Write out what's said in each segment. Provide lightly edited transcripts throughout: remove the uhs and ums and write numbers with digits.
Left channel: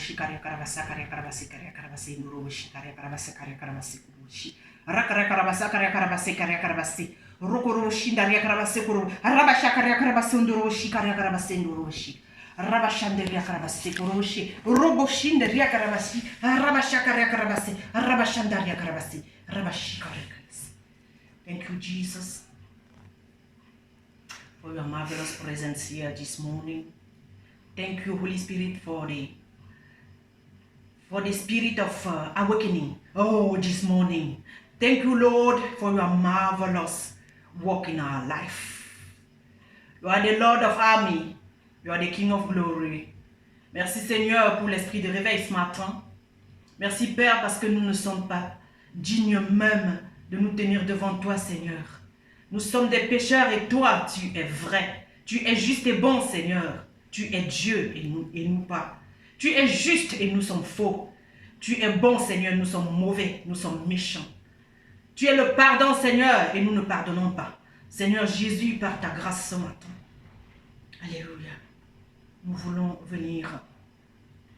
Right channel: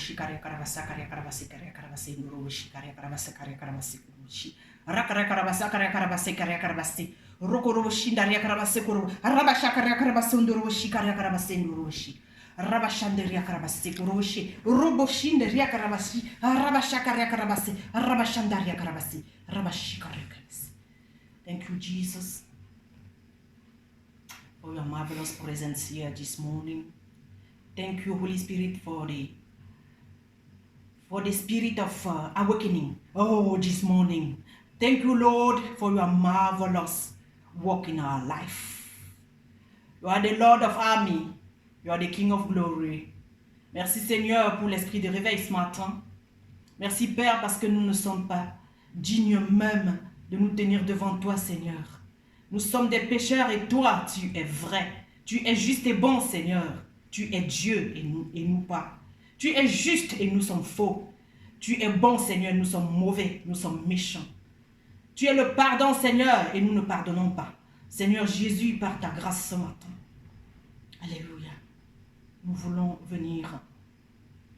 shikaria karabasa karia karabasi karia karabasi ndoro shikaria karabasa karia karabasi kurushi rakara karabasa karia karabasi karia karabasi rokoro shindaria karabasi kuru arabasha karia karabasi ndoro shikaria karabasi ndoro shi rabashanderia karabasi kurushi robo shindaria karabasi arabasha karia karabasi arabashandaria karabasi rabashikaria karabasi. Thank you, Jesus, for your marvelous presence here this morning. Thank you, Holy Spirit, for the spirit of awakening. Oh, this morning. Thank you, Lord, for your marvelous work in our life. You are the Lord of army. You are the King of glory. Merci, Seigneur, pour l'esprit de réveil ce matin. Merci, Père, parce que nous ne sommes pas dignes même de nous tenir devant toi, Seigneur. Nous sommes des pécheurs et toi, tu es vrai. Tu es juste et bon, Seigneur. Tu es Dieu et nous pas. Tu es juste et nous sommes faux. Tu es bon, Seigneur, nous sommes mauvais, nous sommes méchants. Tu es le pardon, Seigneur, et nous ne pardonnons pas. Seigneur Jésus, par ta grâce ce matin. Alléluia. Nous voulons venir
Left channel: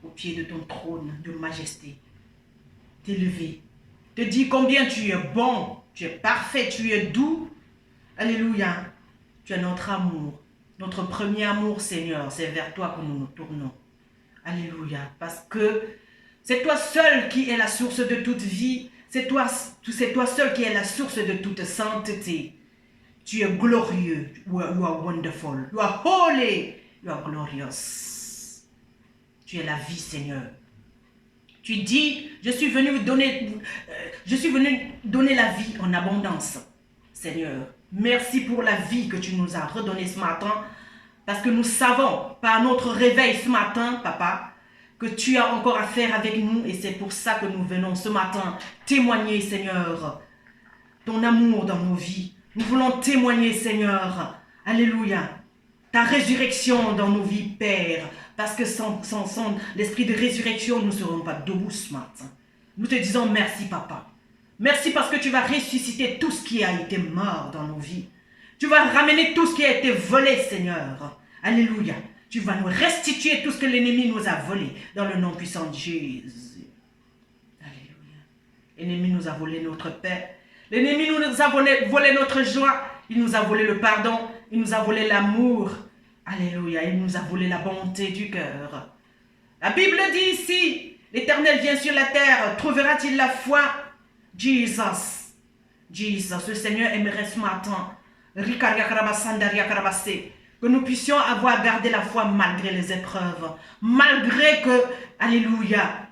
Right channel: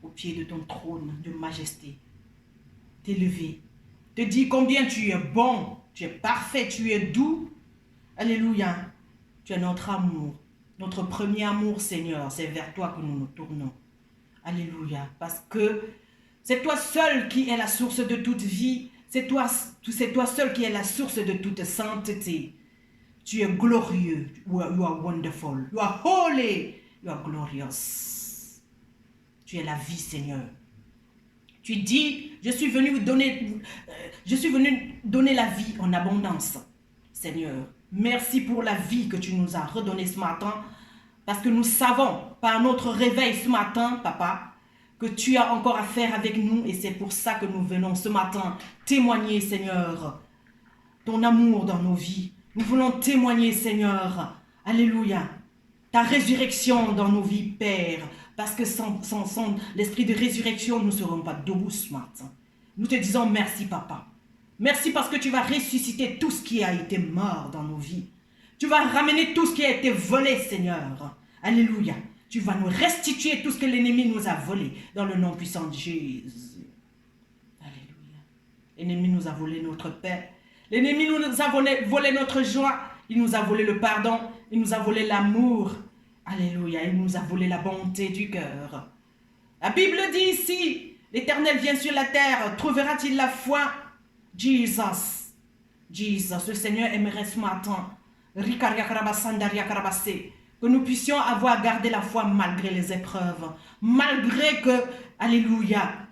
au pied de ton trône de majesté, t'élever, te dire combien tu es bon, tu es parfait, tu es doux. Alléluia. Tu es notre amour. Notre premier amour, Seigneur, c'est vers toi que nous nous tournons. Alléluia. Parce que c'est toi seul qui es la source de toute vie. C'est toi seul qui es la source de toute sainteté. Tu es glorieux. You are wonderful. You are holy. You are glorious. Tu es la vie, Seigneur. Tu dis, je suis venu donner la vie en abondance, Seigneur. Merci pour la vie que tu nous as redonnée ce matin, parce que nous savons, par notre réveil ce matin, Papa, que tu as encore à faire avec nous, et c'est pour ça que nous venons ce matin témoigner, Seigneur, ton amour dans nos vies. Nous voulons témoigner, Seigneur, alléluia, ta résurrection dans nos vies, Père, parce que sans l'esprit de résurrection, nous ne serons pas debout ce matin. Nous te disons merci, Papa. Merci parce que tu vas ressusciter tout ce qui a été mort dans nos vies. Tu vas ramener tout ce qui a été volé, Seigneur. Alléluia. Tu vas nous restituer tout ce que l'ennemi nous a volé dans le nom puissant de Jésus. Alléluia. L'ennemi nous a volé notre paix. L'ennemi nous a volé notre joie. Il nous a volé le pardon. Il nous a volé l'amour. Alléluia. Il nous a volé la bonté du cœur. La Bible dit ici, l'Éternel vient sur la terre. Trouvera-t-il la foi? Jesus, le Seigneur aimerait ce matin que nous puissions avoir gardé la foi malgré les épreuves, malgré que, alléluia,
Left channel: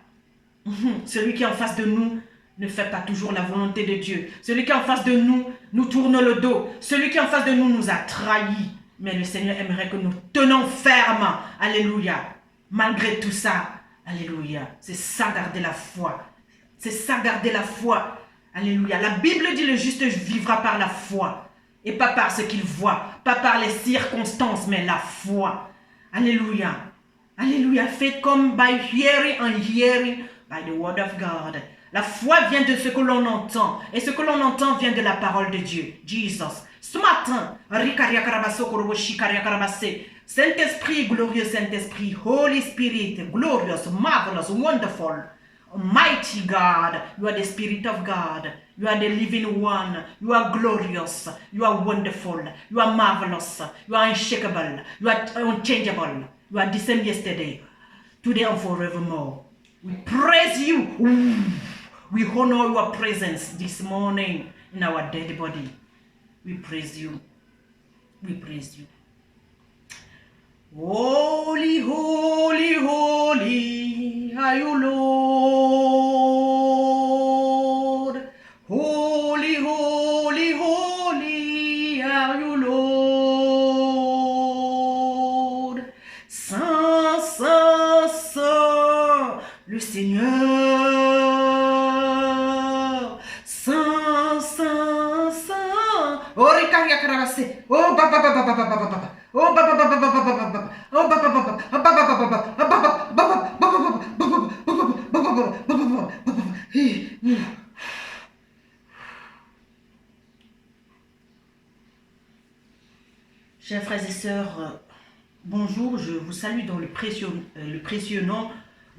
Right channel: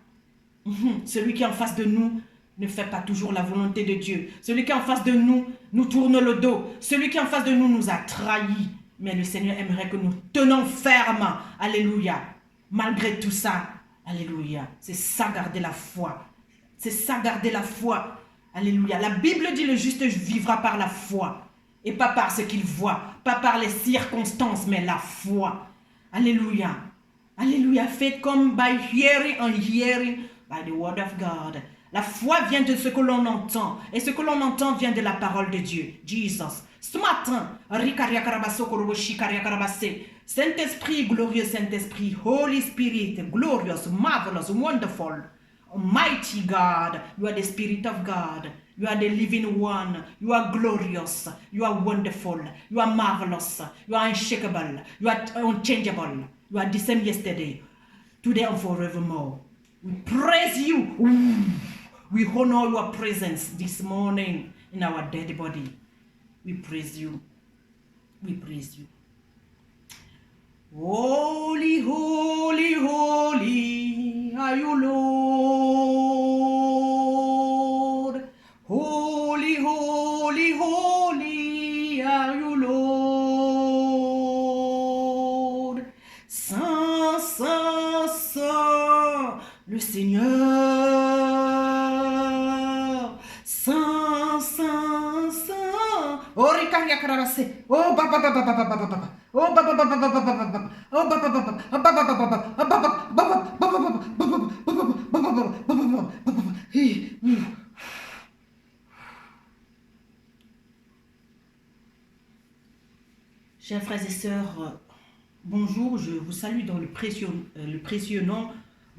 celui qui est en face de nous ne fait pas toujours la volonté de Dieu. Celui qui est en face de nous nous tourne le dos. Celui qui est en face de nous nous a trahis. Mais le Seigneur aimerait que nous tenons ferme, alléluia, malgré tout ça, alléluia. C'est ça garder la foi. C'est ça, garder la foi. Alléluia. La Bible dit le juste vivra par la foi. Et pas par ce qu'il voit. Pas par les circonstances, mais la foi. Alléluia. Alléluia. Faites comme by hearing and hearing by the word of God. La foi vient de ce que l'on entend. Et ce que l'on entend vient de la parole de Dieu. Jesus. Ce matin, Saint-Esprit, glorieux Saint-Esprit, Holy Spirit, glorious, marvelous, wonderful, Almighty God, you are the Spirit of God. You are the living one. You are glorious. You are wonderful. You are marvelous. You are unshakable. You are unchangeable. You are the same yesterday, today and forevermore. We praise you. We honor your presence this morning in our dead body. We praise you. We praise you. Holy, holy, holy are you, Lord. Holy, holy, holy are you, Lord. Saint, saint, saint, le Seigneur. Saint, saint, saint. Oh, Rikaria Karavase. Oh, baba, baba, baba, baba, baba. Oh, baba, baba, baba, baba, baba. Oh, baba, baba, baba, baba, baba, baba, baba. Chers frères et sœurs, bonjour, je vous salue dans le précieux nom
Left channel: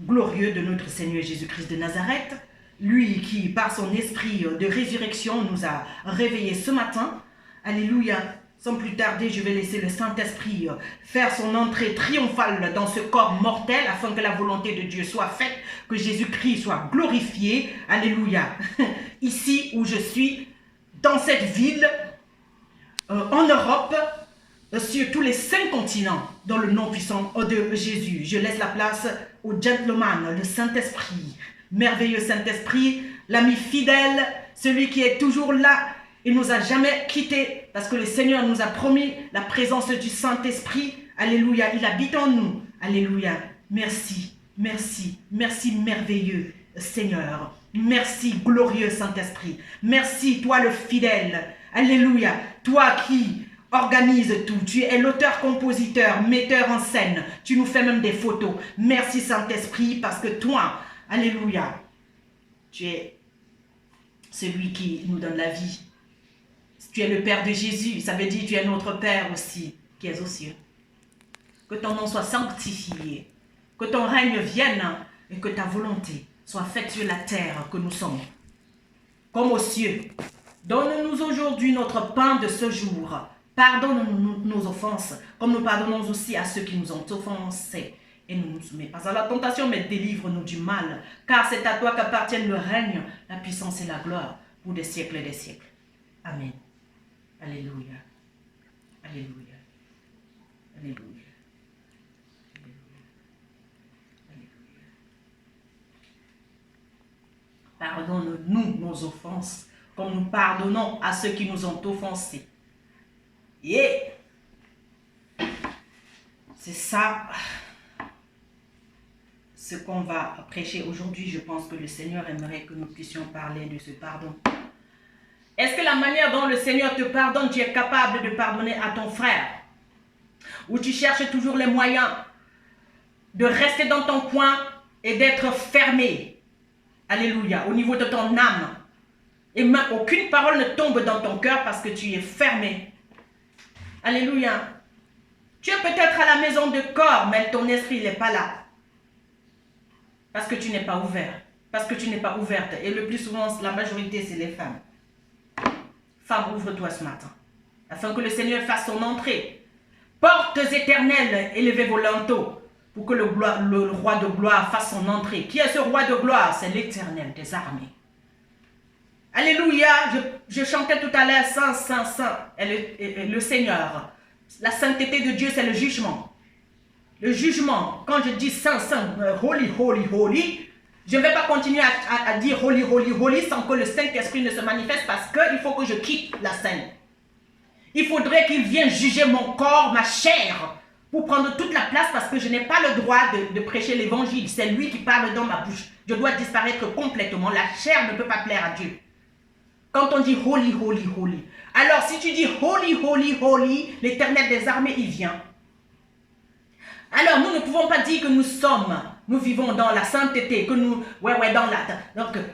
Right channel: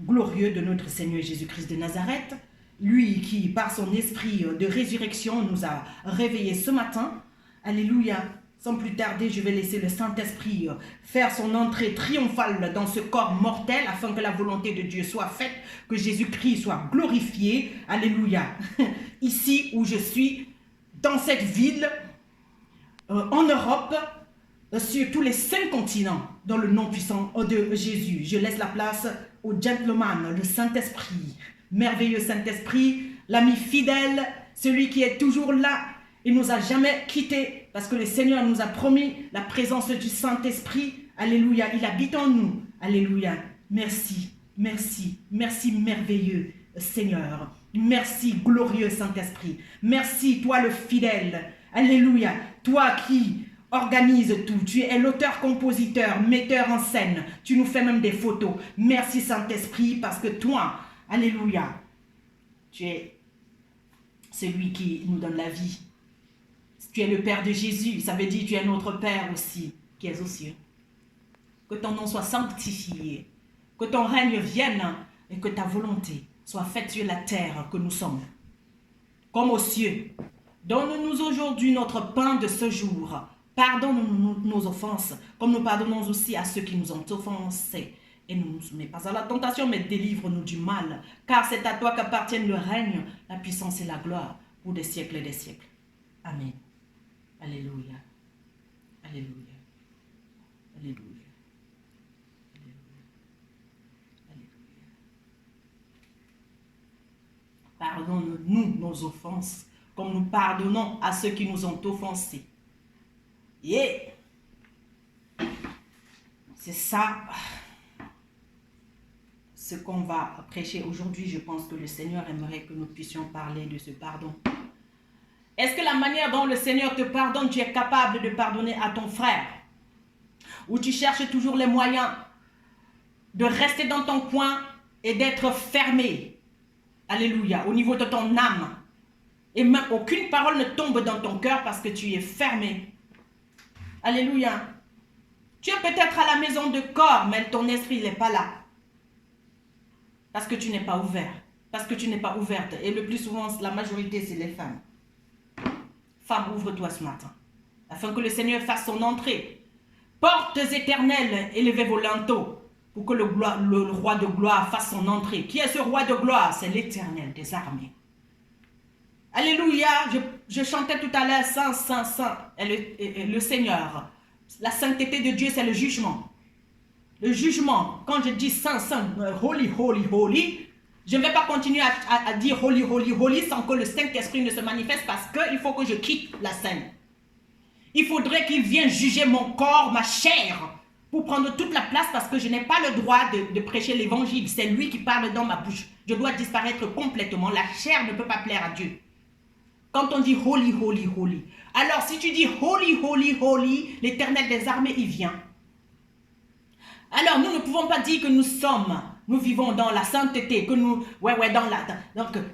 glorieux de notre Seigneur Jésus-Christ de Nazareth, lui qui, par son esprit de résurrection, nous a réveillés ce matin. Alléluia. Sans plus tarder, je vais laisser le Saint-Esprit faire son entrée triomphale dans ce corps mortel afin que la volonté de Dieu soit faite, que Jésus-Christ soit glorifié. Alléluia. Ici où je suis, dans cette ville, en Europe, sur tous les 5 continents, dans le nom puissant de Jésus. Je laisse la place au gentleman, le Saint-Esprit, merveilleux Saint-Esprit, l'ami fidèle, celui qui est toujours là et nous a jamais quittés, parce que le Seigneur nous a promis la présence du Saint-Esprit. Alléluia, il habite en nous. Alléluia, merci, merci, merci merveilleux Seigneur. Merci glorieux Saint-Esprit. Merci toi le fidèle. Alléluia, toi qui organise tout. Tu es l'auteur, compositeur, metteur en scène. Tu nous fais même des photos. Merci Saint-Esprit parce que toi, alléluia, tu es celui qui nous donne la vie. Tu es le Père de Jésus. Ça veut dire que tu es notre Père aussi, qui est aux cieux. Que ton nom soit sanctifié. Que ton règne vienne et que ta volonté soit faite sur la terre que nous sommes, comme aux cieux. Donne-nous aujourd'hui notre pain de ce jour. Pardonne-nous nos offenses, comme nous pardonnons aussi à ceux qui nous ont offensés. Et ne nous soumets pas à la tentation, mais délivre-nous du mal. Car c'est à toi qu'appartiennent le règne, la puissance et la gloire, pour des siècles et des siècles. Amen. Alléluia. Alléluia. Alléluia. Pardonne-nous nos offenses, comme nous pardonnons à ceux qui nous ont offensés. Yeah. C'est ça ce qu'on va prêcher aujourd'hui. Je pense que le Seigneur aimerait que nous puissions parler de ce pardon. Est-ce que la manière dont le Seigneur te pardonne, tu es capable de pardonner à ton frère? Ou tu cherches toujours les moyens de rester dans ton coin et d'être fermé? Alléluia, au niveau de ton âme. Et même aucune parole ne tombe dans ton cœur parce que tu es fermé. Alléluia. Tu es peut-être à la maison de corps, mais ton esprit n'est pas là. Parce que tu n'es pas ouvert. Parce que tu n'es pas ouverte. Et le plus souvent, la majorité, c'est les femmes. Femme, ouvre-toi ce matin. Afin que le Seigneur fasse son entrée. Portes éternelles, élevez vos linteaux. Pour que le roi de gloire fasse son entrée. Qui est ce roi de gloire? C'est l'Éternel des armées. Alléluia. Je chantais tout à l'heure, Saint, Saint, Saint, et le Seigneur. La sainteté de Dieu, c'est le jugement. Le jugement, quand je dis Saint, Saint, Holy, Holy, Holy, je ne vais pas continuer à dire Holy, Holy, Holy sans que le Saint-Esprit ne se manifeste parce qu'il faut que je quitte la scène. Il faudrait qu'il vienne juger mon corps, ma chair, pour prendre toute la place parce que je n'ai pas le droit de prêcher l'évangile. C'est lui qui parle dans ma bouche. Je dois disparaître complètement. La chair ne peut pas plaire à Dieu. Quand on dit Holy, Holy, Holy. Alors si tu dis Holy, Holy, Holy, l'Éternel des armées, il vient. Alors nous ne pouvons pas dire que nous vivons dans la sainteté, que nous,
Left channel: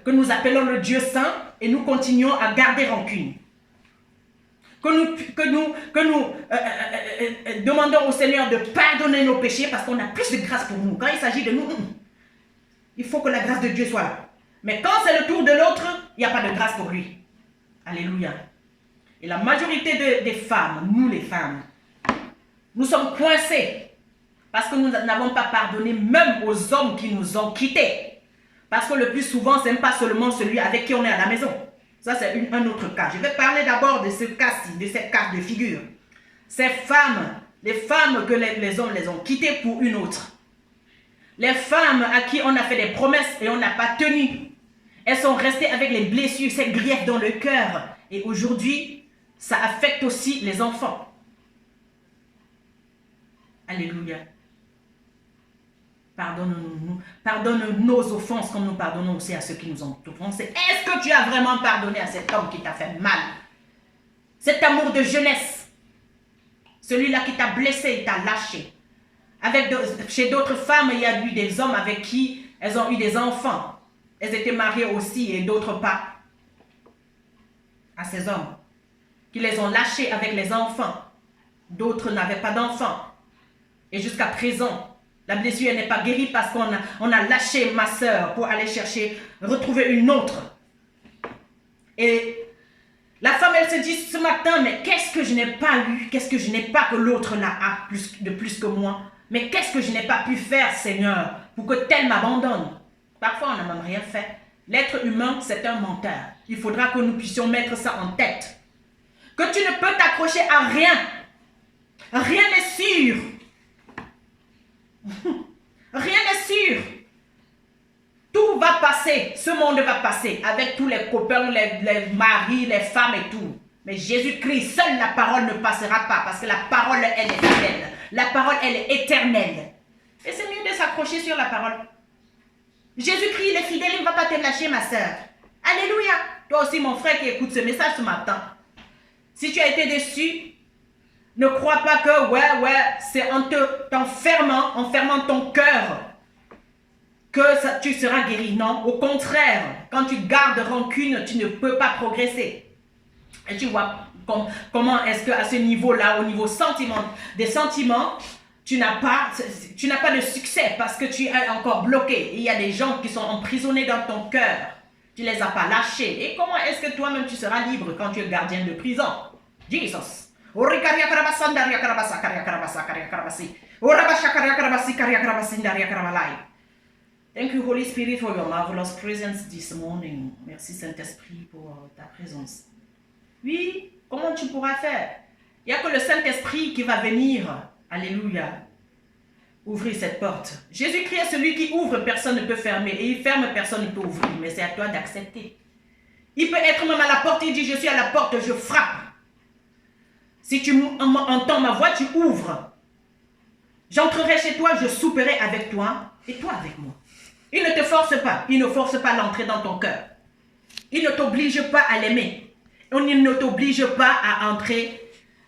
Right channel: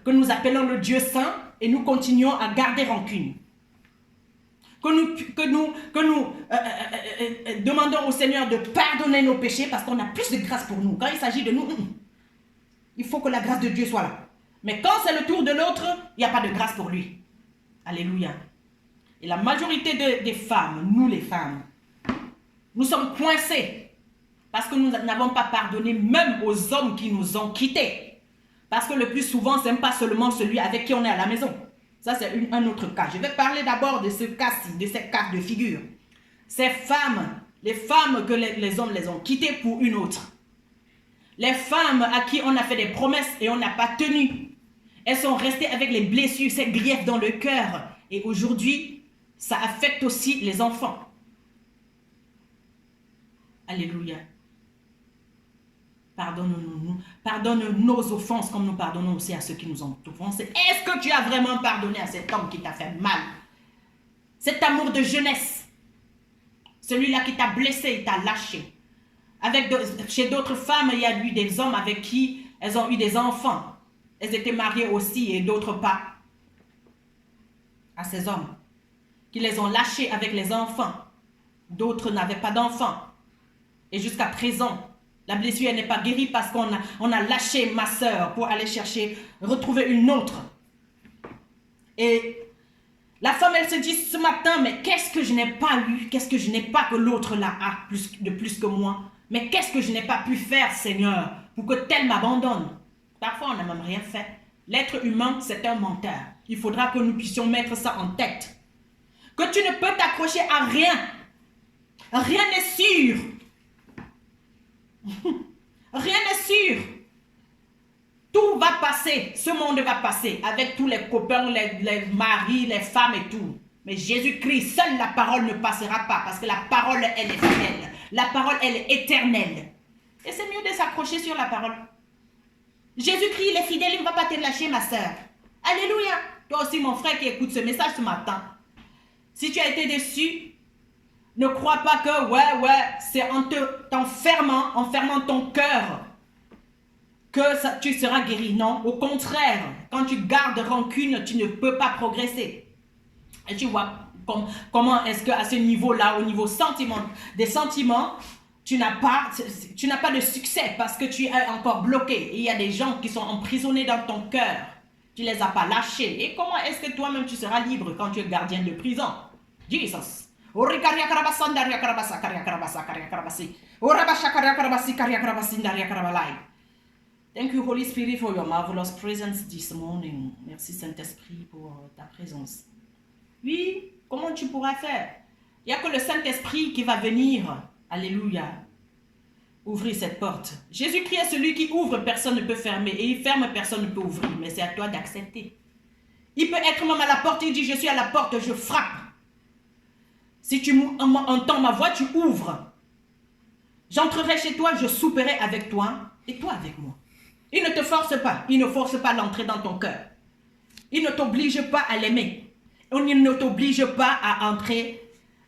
que nous appelons le Dieu saint et nous continuons à garder rancune. Que nous demandons au Seigneur de pardonner nos péchés parce qu'on a plus de grâce pour nous. Quand il s'agit de nous, il faut que la grâce de Dieu soit là. Mais quand c'est le tour de l'autre, il n'y a pas de grâce pour lui. Alléluia. Et la majorité des femmes, nous les femmes, nous sommes coincés parce que nous n'avons pas pardonné même aux hommes qui nous ont quittés. Parce que le plus souvent, ce n'est pas seulement celui avec qui on est à la maison. Ça, c'est un autre cas. Je vais parler d'abord de ce cas-ci, de cette cas de figure. Ces femmes, les femmes que les hommes les ont quittées pour une autre. Les femmes à qui on a fait des promesses et on n'a pas tenu. Elles sont restées avec les blessures, ces griefs dans le cœur. Et aujourd'hui, ça affecte aussi les enfants. Alléluia. Pardonne-nous, pardonne nos offenses comme nous pardonnons aussi à ceux qui nous ont offensés. Est-ce que tu as vraiment pardonné à cet homme qui t'a fait mal? Cet amour de jeunesse, celui-là qui t'a blessé, il t'a lâché. Chez d'autres femmes, il y a eu des hommes avec qui elles ont eu des enfants. Elles étaient mariées aussi et d'autres pas. À ces hommes qui les ont lâchés avec les enfants. D'autres n'avaient pas d'enfants. Et jusqu'à présent, La blessure n'est pas guérie parce on a lâché ma soeur pour aller retrouver une autre. Et la femme, elle se dit ce matin, mais qu'est-ce que je n'ai pas eu? Qu'est-ce que je n'ai pas que l'autre n'a de plus que moi? Mais qu'est-ce que je n'ai pas pu faire, Seigneur, pour que tel m'abandonne? Parfois, on n'a même rien fait. L'être humain, c'est un menteur. Il faudra que nous puissions mettre ça en tête. Que tu ne peux t'accrocher à rien. Rien n'est sûr. Rien n'est sûr. Tout va passer. Ce monde va passer avec tous les copains, les maris, les femmes et tout. Mais Jésus-Christ, seule la parole ne passera pas parce que la parole, elle est fidèle. La parole, elle est éternelle. Et c'est mieux de s'accrocher sur la parole. Jésus-Christ, il est fidèle, il ne va pas te lâcher, ma soeur. Alléluia. Toi aussi, mon frère qui écoute ce message ce matin. Si tu as été déçu, ne crois pas que, c'est en fermant ton cœur que tu seras guéri. Non, au contraire, quand tu gardes rancune, tu ne peux pas progresser. Et tu vois comment est-ce qu'à ce niveau-là, au niveau des sentiments, tu n'as pas de succès parce que tu es encore bloqué. Il y a des gens qui sont emprisonnés dans ton cœur. Tu ne les as pas lâchés. Et comment est-ce que toi-même tu seras libre quand tu es gardien de prison? Jesus. Thank you, Holy Spirit, for your marvelous presence this morning. Merci, Saint-Esprit, pour ta présence. Oui, comment tu pourras faire? Il n'y a que le Saint-Esprit qui va venir. Alléluia. Ouvrir cette porte. Jésus-Christ est celui qui ouvre, personne ne peut fermer. Et il ferme, personne ne peut ouvrir. Mais c'est à toi d'accepter. Il peut être même à la porte, il dit, je suis à la porte, je frappe. Si tu entends ma voix, tu ouvres. J'entrerai chez toi, je souperai avec toi et toi avec moi. Il ne te force pas. Il ne force pas l'entrée dans ton cœur. Il ne t'oblige pas à l'aimer. Il ne t'oblige pas à entrer,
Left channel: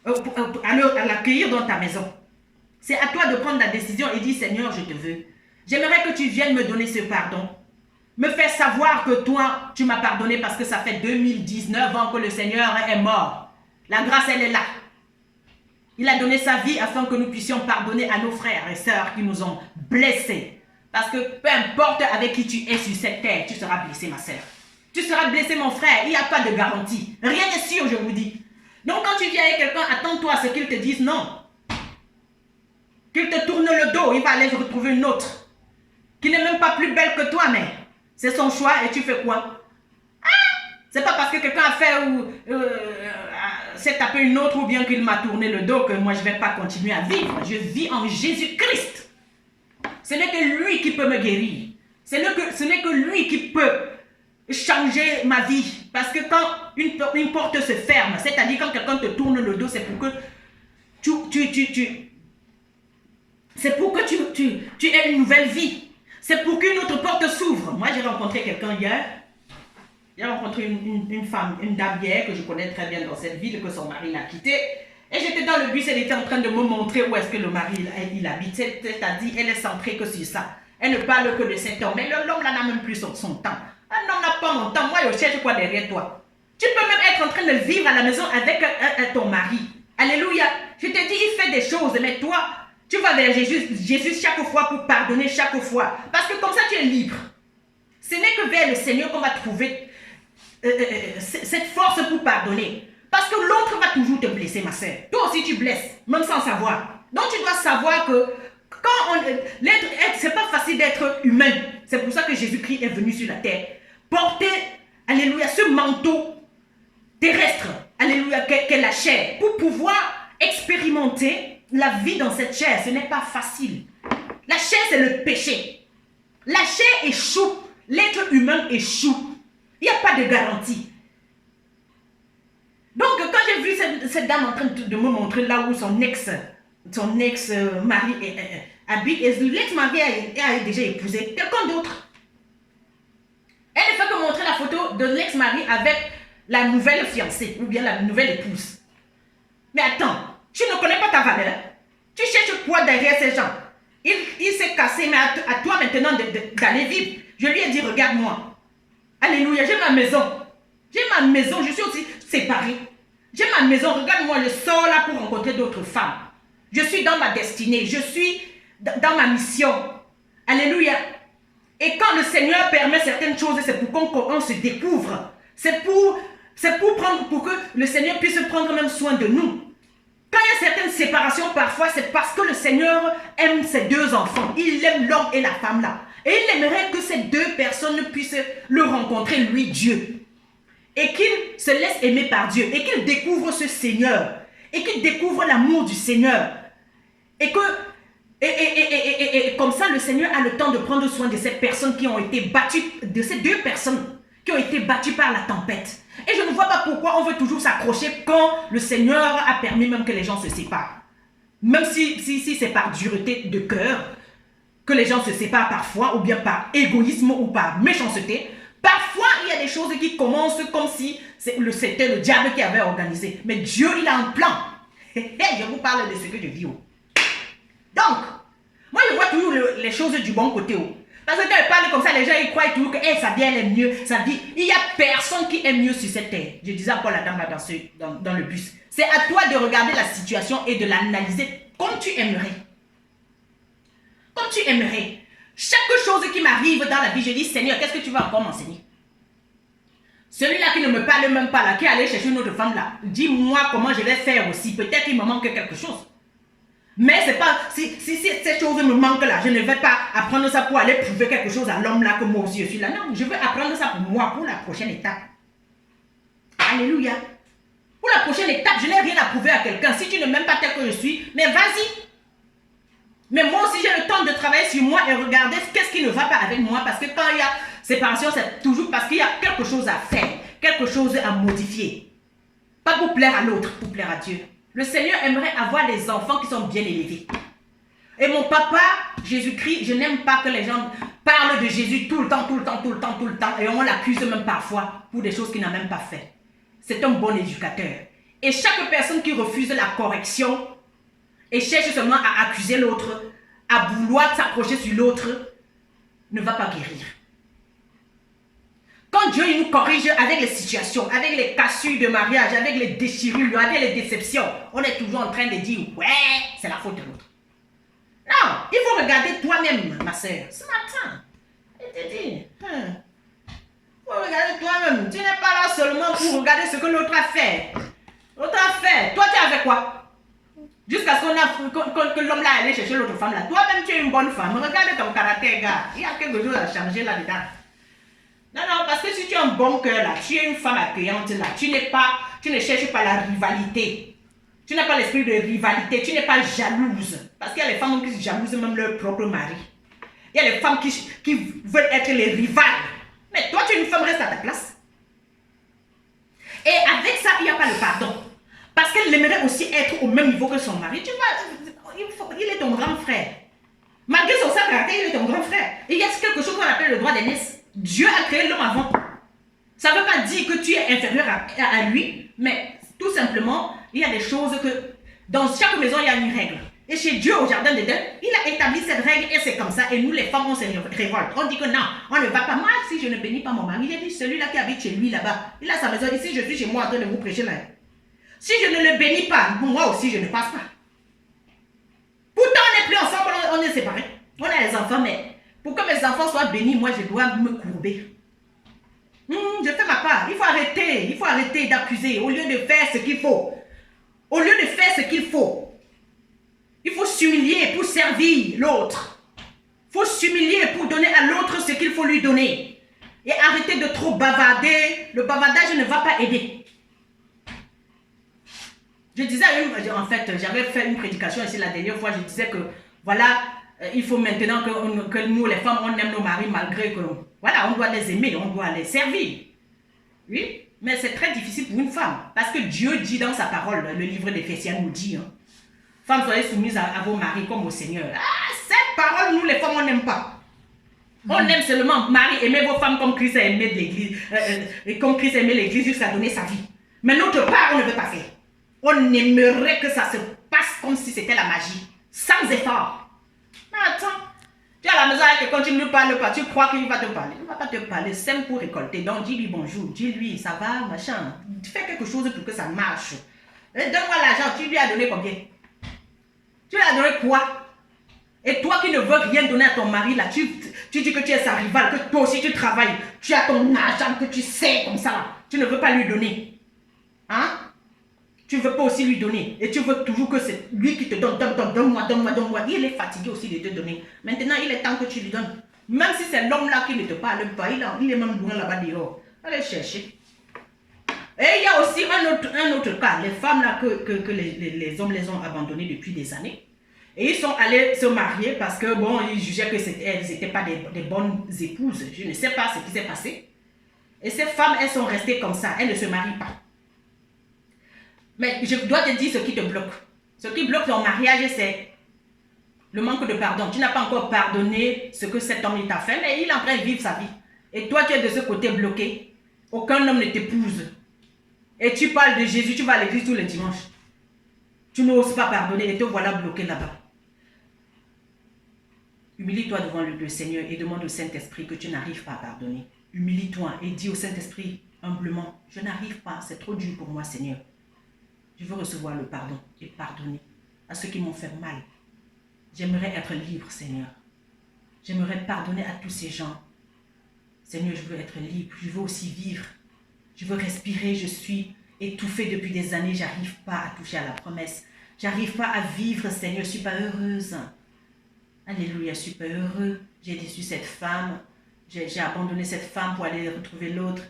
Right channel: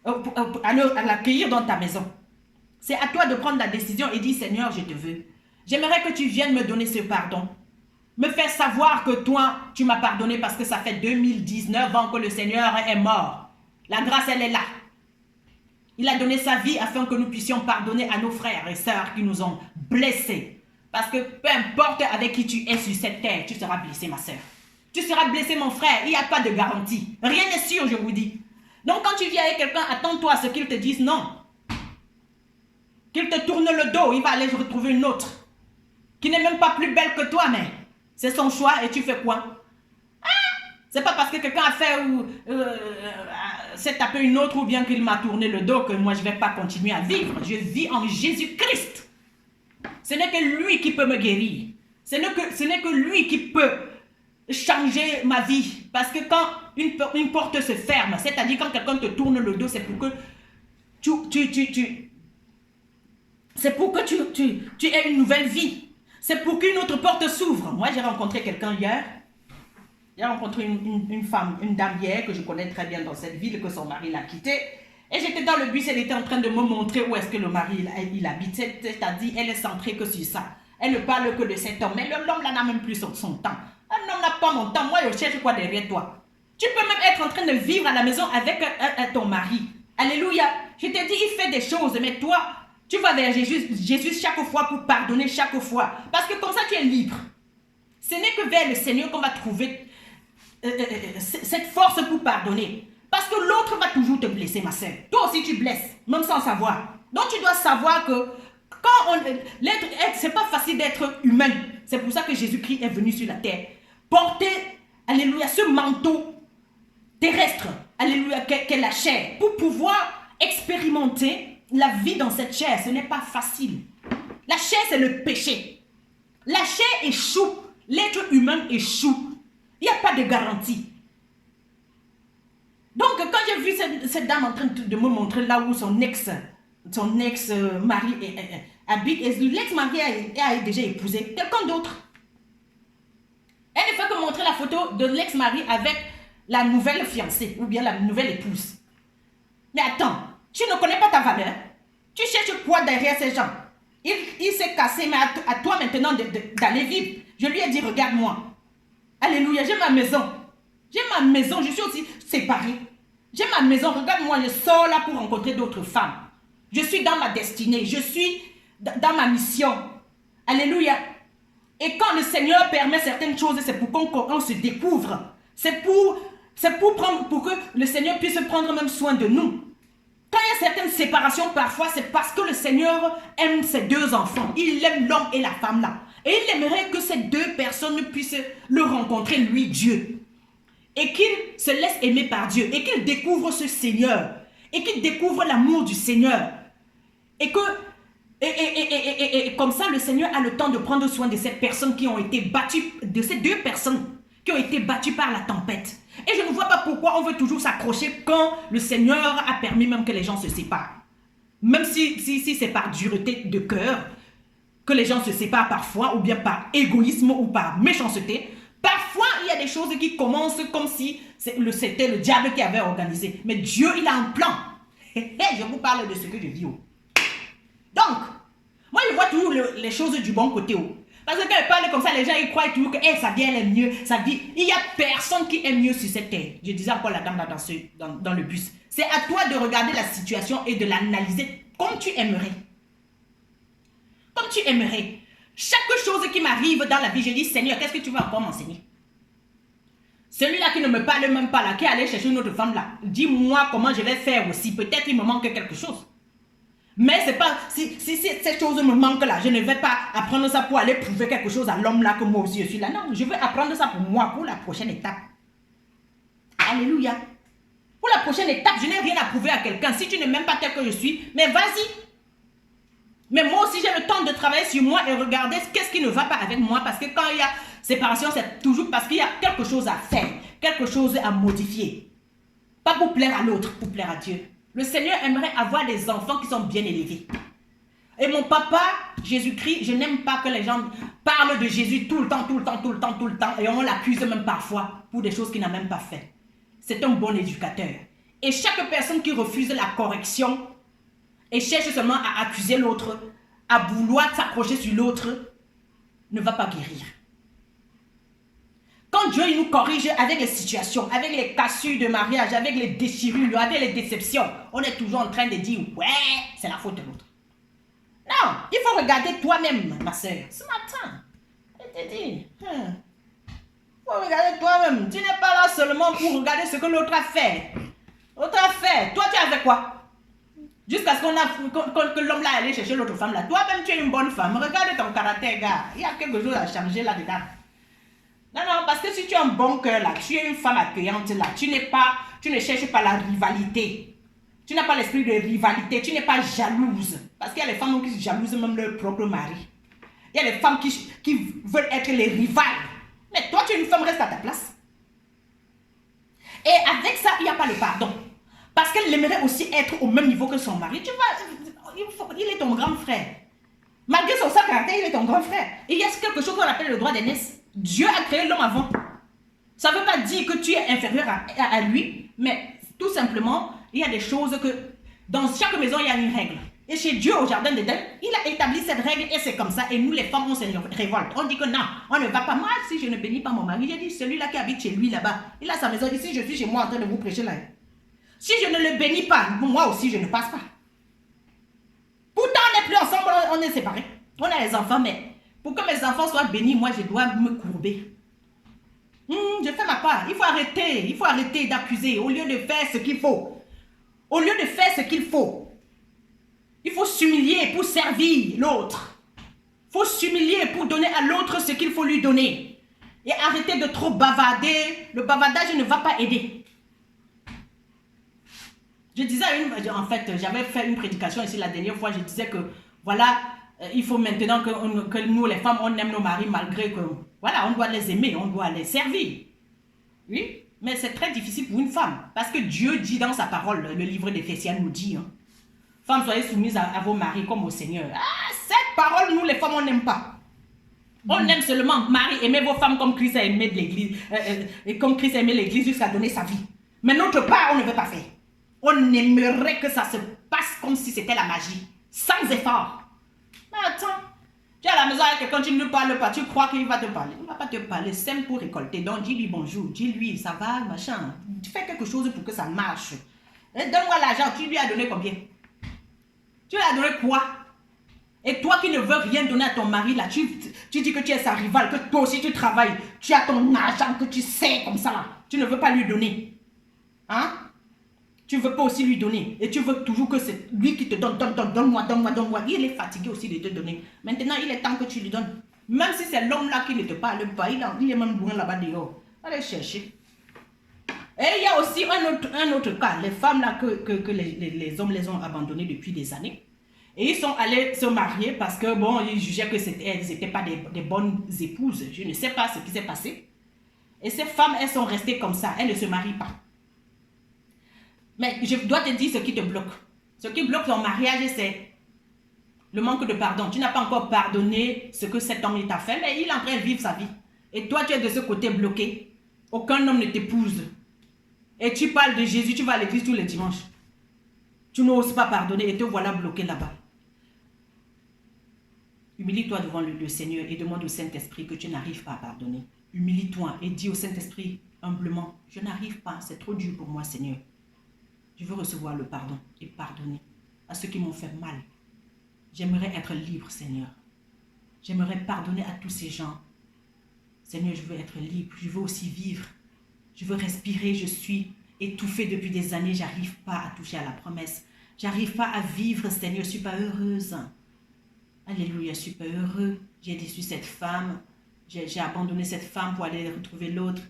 à l'accueillir dans ta maison. C'est à toi de prendre la décision et dire, Seigneur, je te veux. J'aimerais que tu viennes me donner ce pardon. Me faire savoir que toi, tu m'as pardonné parce que ça fait 2019 ans que le Seigneur est mort. La grâce, elle est là. Il a donné sa vie afin que nous puissions pardonner à nos frères et sœurs qui nous ont blessés. Parce que peu importe avec qui tu es sur cette terre, tu seras blessé, ma sœur. Tu seras blessé, mon frère. Il n'y a pas de garantie. Rien n'est sûr, je vous dis. Donc, quand tu viens avec quelqu'un, attends-toi à ce qu'il te dise non. Qu'il te tourne le dos, il va aller retrouver une autre. Qui n'est même pas plus belle que toi, mais c'est son choix et tu fais quoi? C'est pas parce que quelqu'un a fait s'est tapé une autre ou bien qu'il m'a tourné le dos que moi je ne vais pas continuer à vivre. Je vis en Jésus-Christ. Ce n'est que lui qui peut me guérir. Ce n'est que lui qui peut changer ma vie. Parce que quand une porte se ferme, c'est-à-dire quand quelqu'un te tourne le dos, c'est pour que tu aies une nouvelle vie. C'est pour qu'une autre porte s'ouvre. Moi, j'ai rencontré quelqu'un hier. J'ai rencontré une femme, une dame hier que je connais très bien dans cette ville, que son mari l'a quittée. Et j'étais dans le bus, elle était en train de me montrer où est-ce que le mari il habite. C'est-à-dire, elle est centrée que sur ça. Elle ne parle que de cet homme. Mais l'homme là n'a même plus son temps. Un homme n'a pas mon temps. Moi, je cherche quoi derrière toi? Tu peux même être en train de vivre à la maison avec ton mari. Alléluia. Je te dis, il fait des choses, mais toi, tu vas vers Jésus chaque fois pour pardonner chaque fois. Parce que comme ça, tu es libre. Ce n'est que vers le Seigneur qu'on va trouver cette force pour pardonner. Parce que l'autre va toujours te blesser, ma soeur. Toi aussi, tu blesses, même sans savoir. Donc, tu dois savoir que c'est pas facile d'être humain. C'est pour ça que Jésus-Christ est venu sur la terre. Porter, alléluia, ce manteau terrestre, alléluia, qu'est la chair, pour pouvoir expérimenter la vie dans cette chair. Ce n'est pas facile. La chair, c'est le péché. La chair échoue. L'être humain échoue. Il n'y a pas de garantie. Donc, quand j'ai vu cette dame en train de me montrer là où son ex-mari habite, et l'ex-mari a déjà épousé quelqu'un d'autre. Elle ne fait que montrer la photo de l'ex-mari avec la nouvelle fiancée ou bien la nouvelle épouse. Mais attends, tu ne connais pas ta valeur. Tu cherches quoi derrière ces gens? Il s'est cassé, mais à toi maintenant d'aller vivre. Je lui ai dit, regarde-moi. Alléluia, j'ai ma maison. J'ai ma maison, je suis aussi séparée. J'ai ma maison, regarde-moi, je sors là pour rencontrer d'autres femmes. Je suis dans ma destinée, je suis dans ma mission. Alléluia. Et quand le Seigneur permet certaines choses, c'est pour qu'on se découvre. C'est pour que le Seigneur puisse prendre même soin de nous. Quand il y a certaines séparations, parfois, c'est parce que le Seigneur aime ses deux enfants. Il aime l'homme et la femme là. Et il aimerait que ces deux personnes puissent le rencontrer, lui, Dieu. Et qu'il se laisse aimer par Dieu. Et qu'il découvre ce Seigneur. Et qu'il découvre l'amour du Seigneur. Et comme ça, le Seigneur a le temps de prendre soin de ces personnes qui ont été battues, de ces deux personnes qui ont été battues par la tempête. Et je ne vois pas pourquoi on veut toujours s'accrocher quand le Seigneur a permis même que les gens se séparent. Même si c'est par dureté de cœur que les gens se séparent parfois, ou bien par égoïsme ou par méchanceté. Parfois, il y a des choses qui commencent comme si c'était le diable qui avait organisé. Mais Dieu, il a un plan. Je vous parle de ce que je vis. Donc, moi, je vois toujours les choses du bon côté. Parce que quand elle parle comme ça, les gens ils croient toujours que sa vie elle est mieux, sa vie. Il n'y a personne qui est mieux sur cette terre. Je disais encore la dame là dans le bus. C'est à toi de regarder la situation et de l'analyser comme tu aimerais. Comme tu aimerais. Chaque chose qui m'arrive dans la vie, je dis Seigneur, qu'est-ce que tu vas encore m'enseigner? Celui-là qui ne me parle même pas là, qui est allé chercher une autre femme là, dis-moi comment je vais faire aussi. Peut-être qu'il me manque quelque chose. Mais c'est pas, si cette chose me manque là, je ne vais pas apprendre ça pour aller prouver quelque chose à l'homme là que moi aussi je suis là. Non, je veux apprendre ça pour moi, pour la prochaine étape. Alléluia. Pour la prochaine étape, je n'ai rien à prouver à quelqu'un. Si tu ne m'aimes pas tel que je suis, mais vas-y. Mais moi aussi, j'ai le temps de travailler sur moi et regarder qu'est-ce qui ne va pas avec moi. Parce que quand il y a séparation, c'est toujours parce qu'il y a quelque chose à faire, quelque chose à modifier. Pas pour plaire à l'autre, pour plaire à Dieu. Le Seigneur aimerait avoir des enfants qui sont bien élevés. Et mon papa, Jésus-Christ, je n'aime pas que les gens parlent de Jésus tout le temps, et on l'accuse même parfois pour des choses qu'il n'a même pas fait. C'est un bon éducateur. Et chaque personne qui refuse la correction et cherche seulement à accuser l'autre, à vouloir s'approcher sur l'autre, ne va pas guérir. Quand Dieu nous corrige avec les situations, avec les cassures de mariage, avec les déchirures, avec les déceptions, on est toujours en train de dire « Ouais, c'est la faute de l'autre ». Non, il faut regarder toi-même, ma soeur. Ce matin, il te dit « Il faut regarder toi-même. Tu n'es pas là seulement pour regarder ce que l'autre a fait. L'autre a fait. Toi, tu as fait quoi? Jusqu'à ce que l'homme là allait chercher l'autre femme là. Toi-même, tu es une bonne femme. Regarde ton caractère, gars. Il y a quelque chose à changer là-dedans. Non, parce que si tu as un bon cœur là, tu es une femme accueillante là, tu ne cherches pas la rivalité. Tu n'as pas l'esprit de rivalité, tu n'es pas jalouse. Parce qu'il y a les femmes qui jalousent même leur propre mari. Il y a les femmes qui veulent être les rivales. Mais toi, tu es une femme, reste à ta place. Et avec ça, il n'y a pas le pardon. Parce qu'elle aimerait aussi être au même niveau que son mari. Tu vois, il est ton grand frère. Malgré son sale caractère, il est ton grand frère. Et il y a quelque chose qu'on appelle le droit d'aînesse. Dieu a créé l'homme avant. Ça ne veut pas dire que tu es inférieur à lui, mais tout simplement, il y a des choses que dans chaque maison, il y a une règle. Et chez Dieu, au jardin d'Éden, il a établi cette règle et c'est comme ça. Et nous, les femmes, on se révolte. On dit que non, on ne va pas. Moi, si je ne bénis pas mon mari, j'ai dit celui-là qui habite chez lui là-bas, il a sa maison. Ici, je suis chez moi en train de vous prêcher là. Si je ne le bénis pas, moi aussi, je ne passe pas. Pourtant, on n'est plus ensemble, on est séparés. On a les enfants, mais pour que mes enfants soient bénis, moi, je dois me courber. Je fais ma part. Il faut arrêter d'accuser au lieu de faire ce qu'il faut. Au lieu de faire ce qu'il faut, il faut s'humilier pour servir l'autre. Il faut s'humilier pour donner à l'autre ce qu'il faut lui donner. Et arrêter de trop bavarder. Le bavardage ne va pas aider. Je disais, en fait, j'avais fait une prédication ici la dernière fois, je disais que, voilà, il faut maintenant que nous, les femmes, on aime nos maris malgré que, voilà, on doit les aimer, on doit les servir. Oui, mais c'est très difficile pour une femme, parce que Dieu dit dans sa parole, le livre d'Éphésiens nous dit, femmes, soyez soumises à vos maris comme au Seigneur. Ah, cette parole, nous, les femmes, on n'aime pas. On aime seulement, mari, aimez vos femmes comme Christ a aimé l'Église, comme Christ a aimé l'Église jusqu'à donner sa vie. Mais notre part, on ne veut pas faire. On aimerait que ça se passe comme si c'était la magie, sans effort. Mais attends, tu es à la maison avec quelqu'un, tu ne lui parles pas, tu crois qu'il va te parler. Il ne va pas te parler, sème pour récolter. Donc dis-lui bonjour, dis-lui ça va, machin. Fais quelque chose pour que ça marche. Donne-moi l'argent, tu lui as donné combien? Tu lui as donné quoi? Et toi qui ne veux rien donner à ton mari, là, tu dis que tu es sa rivale, que toi aussi tu travailles, tu as ton argent que tu sais comme ça, là. Tu ne veux pas lui donner. Hein? Tu ne veux pas aussi lui donner. Et tu veux toujours que c'est lui qui te donne, donne-moi. Il est fatigué aussi de te donner. Maintenant, il est temps que tu lui donnes. Même si c'est l'homme-là qui ne te parle pas, il est même loin là-bas dehors. Allez chercher. Et il y a aussi un autre cas. Les femmes là que les hommes les ont abandonnées depuis des années. Et ils sont allés se marier parce que, bon, ils jugeaient qu'elles n'étaient pas des bonnes épouses. Je ne sais pas ce qui s'est passé. Et ces femmes, elles sont restées comme ça. Elles ne se marient pas. Mais je dois te dire ce qui te bloque. Ce qui bloque ton mariage, c'est le manque de pardon. Tu n'as pas encore pardonné ce que cet homme t'a fait, mais il est en train de vivre sa vie. Et toi, tu es de ce côté bloqué. Aucun homme ne t'épouse. Et tu parles de Jésus, tu vas à l'église tous les dimanches. Tu n'oses pas pardonner et te voilà bloqué là-bas. Humilie-toi devant le Seigneur et demande au Saint-Esprit que tu n'arrives pas à pardonner. Humilie-toi et dis au Saint-Esprit humblement, je n'arrive pas, c'est trop dur pour moi, Seigneur. Je veux recevoir le pardon et pardonner à ceux qui m'ont fait mal. J'aimerais être libre, Seigneur. J'aimerais pardonner à tous ces gens. Seigneur, je veux être libre, je veux aussi vivre. Je veux respirer, je suis étouffée depuis des années, je n'arrive pas à toucher à la promesse. Je n'arrive pas à vivre, Seigneur, je ne suis pas heureuse. Alléluia, je ne suis pas heureux. J'ai déçu cette femme. J'ai abandonné cette femme pour aller retrouver l'autre.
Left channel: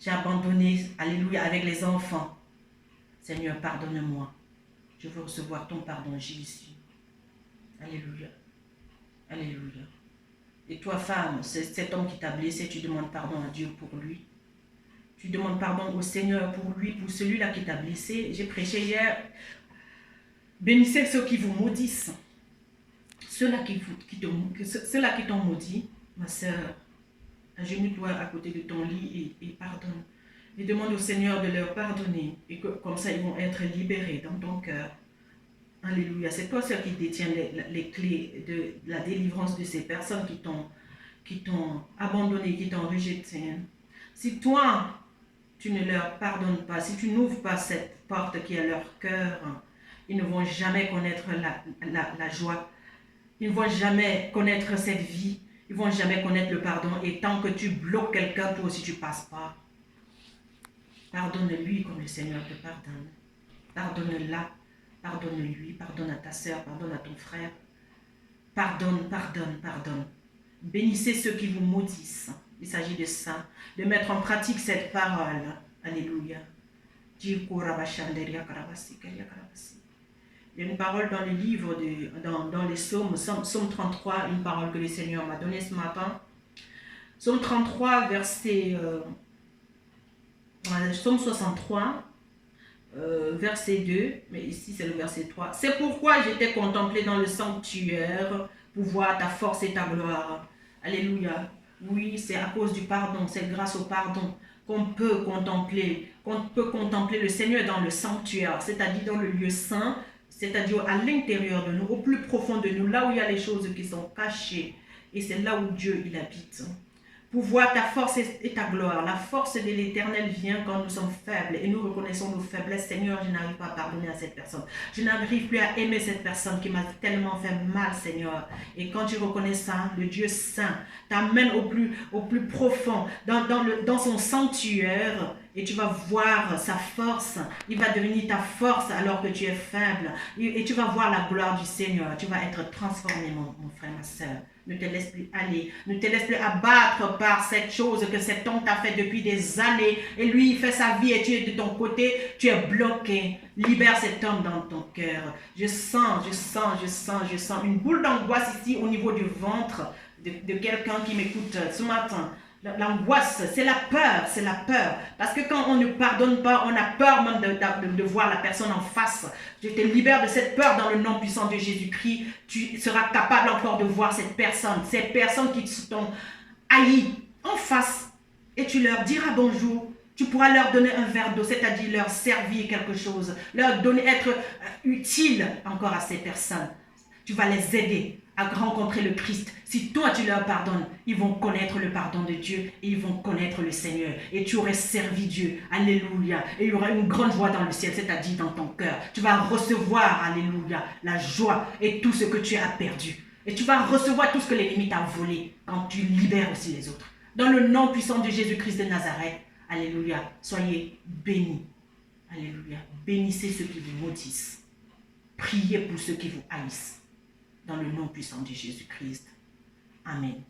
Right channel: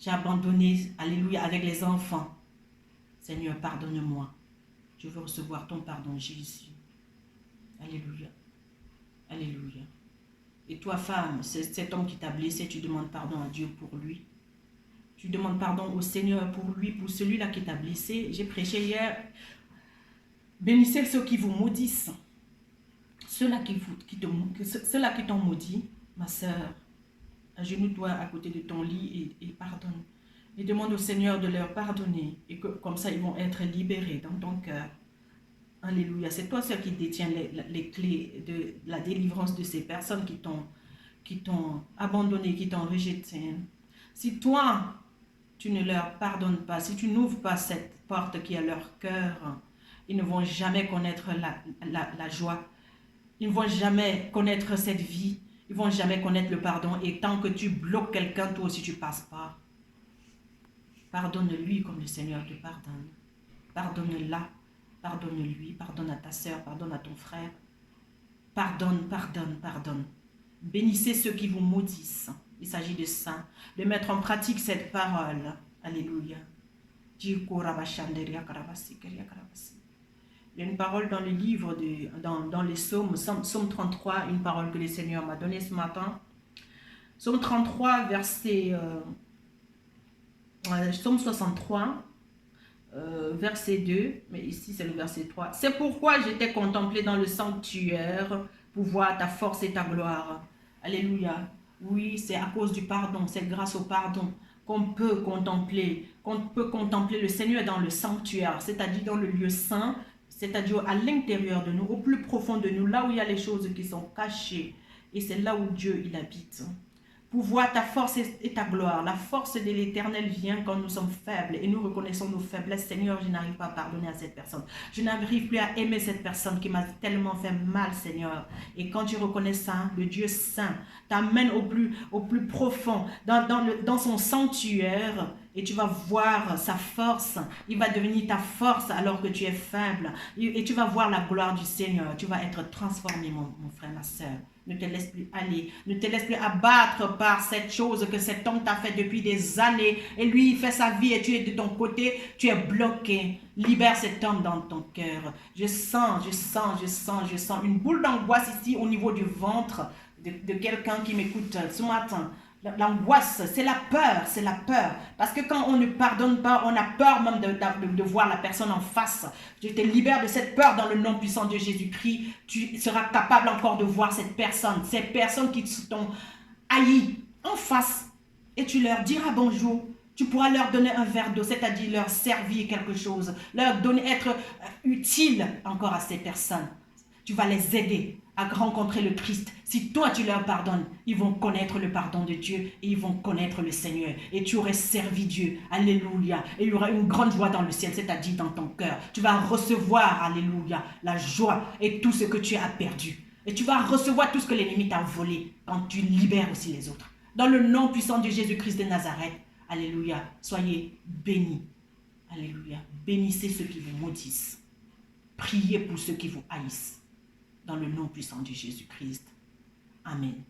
J'ai abandonné, alléluia, avec les enfants. Seigneur, pardonne-moi. Je veux recevoir ton pardon, Jésus. Alléluia. Alléluia. Et toi, femme, c'est cet homme qui t'a blessé, tu demandes pardon à Dieu pour lui. Tu demandes pardon au Seigneur pour lui, pour celui-là qui t'a blessé. J'ai prêché hier. Bénissez ceux qui vous maudissent. Ceux-là qui t'ont maudit, ma sœur, agenouille-toi à côté de ton lit et pardonne. Et demande au Seigneur de leur pardonner. Et que comme ça, ils vont être libérés dans ton cœur. Alléluia. C'est toi seul qui détiens les clés de la délivrance de ces personnes qui t'ont abandonné, qui t'ont rejeté. Si toi, tu ne leur pardonnes pas, si tu n'ouvres pas cette porte qui est leur cœur, ils ne vont jamais connaître la joie. Ils ne vont jamais connaître cette vie. Ils ne vont jamais connaître le pardon. Et tant que tu bloques quelqu'un, toi aussi tu ne passes pas. Pardonne-lui comme le Seigneur te pardonne. Pardonne-la. Pardonne-lui. Pardonne à ta soeur. Pardonne à ton frère. Pardonne, pardonne, pardonne. Bénissez ceux qui vous maudissent. Il s'agit de ça. De mettre en pratique cette parole. Alléluia. Il y a une parole dans le livre, dans les psaumes, psaume 33, une parole que le Seigneur m'a donnée ce matin. Psaume 33, psaume 63, verset 2, mais ici c'est le verset 3. C'est pourquoi je t'ai contemplé dans le sanctuaire pour voir ta force et ta gloire. Alléluia. Oui, c'est à cause du pardon, c'est grâce au pardon qu'on peut contempler le Seigneur dans le sanctuaire, c'est-à-dire dans le lieu saint, c'est-à-dire à l'intérieur de nous, au plus profond de nous, là où il y a les choses qui sont cachées. Et c'est là où Dieu, il habite. Pour voir ta force et ta gloire. La force de l'Éternel vient quand nous sommes faibles et nous reconnaissons nos faiblesses. Seigneur, je n'arrive pas à pardonner à cette personne. Je n'arrive plus à aimer cette personne qui m'a tellement fait mal, Seigneur. Et quand tu reconnais ça, le Dieu saint t'amène au plus profond, dans son sanctuaire, et tu vas voir sa force. Il va devenir ta force alors que tu es faible. Et tu vas voir la gloire du Seigneur. Tu vas être transformé, mon frère, ma soeur. Ne te laisse plus aller. Ne te laisse plus abattre par cette chose que cet homme t'a fait depuis des années. Et lui, il fait sa vie et tu es de ton côté. Tu es bloqué. Libère cet homme dans ton cœur. Je sens une boule d'angoisse ici au niveau du ventre de quelqu'un qui m'écoute ce matin. L'angoisse, c'est la peur. Parce que quand on ne pardonne pas, on a peur même de voir la personne en face. Je te libère de cette peur dans le nom puissant de Jésus-Christ. Tu seras capable encore de voir ces personnes qui t'ont haï en face. Et tu leur diras bonjour. Tu pourras leur donner un verre d'eau, c'est-à-dire leur servir quelque chose. Être utile encore à ces personnes. Tu vas les aider à rencontrer le Christ. Si toi tu leur pardonnes, ils vont connaître le pardon de Dieu et ils vont connaître le Seigneur. Et tu aurais servi Dieu. Alléluia. Et il y aura une grande joie dans le ciel, c'est-à-dire dans ton cœur. Tu vas recevoir, alléluia, la joie et tout ce que tu as perdu. Et tu vas recevoir tout ce que l'ennemi t'a volé quand tu libères aussi les autres. Dans le nom puissant de Jésus-Christ de Nazareth, alléluia, soyez bénis. Alléluia. Bénissez ceux qui vous maudissent. Priez pour ceux qui vous haïssent. Dans le nom puissant de Jésus-Christ. Amen.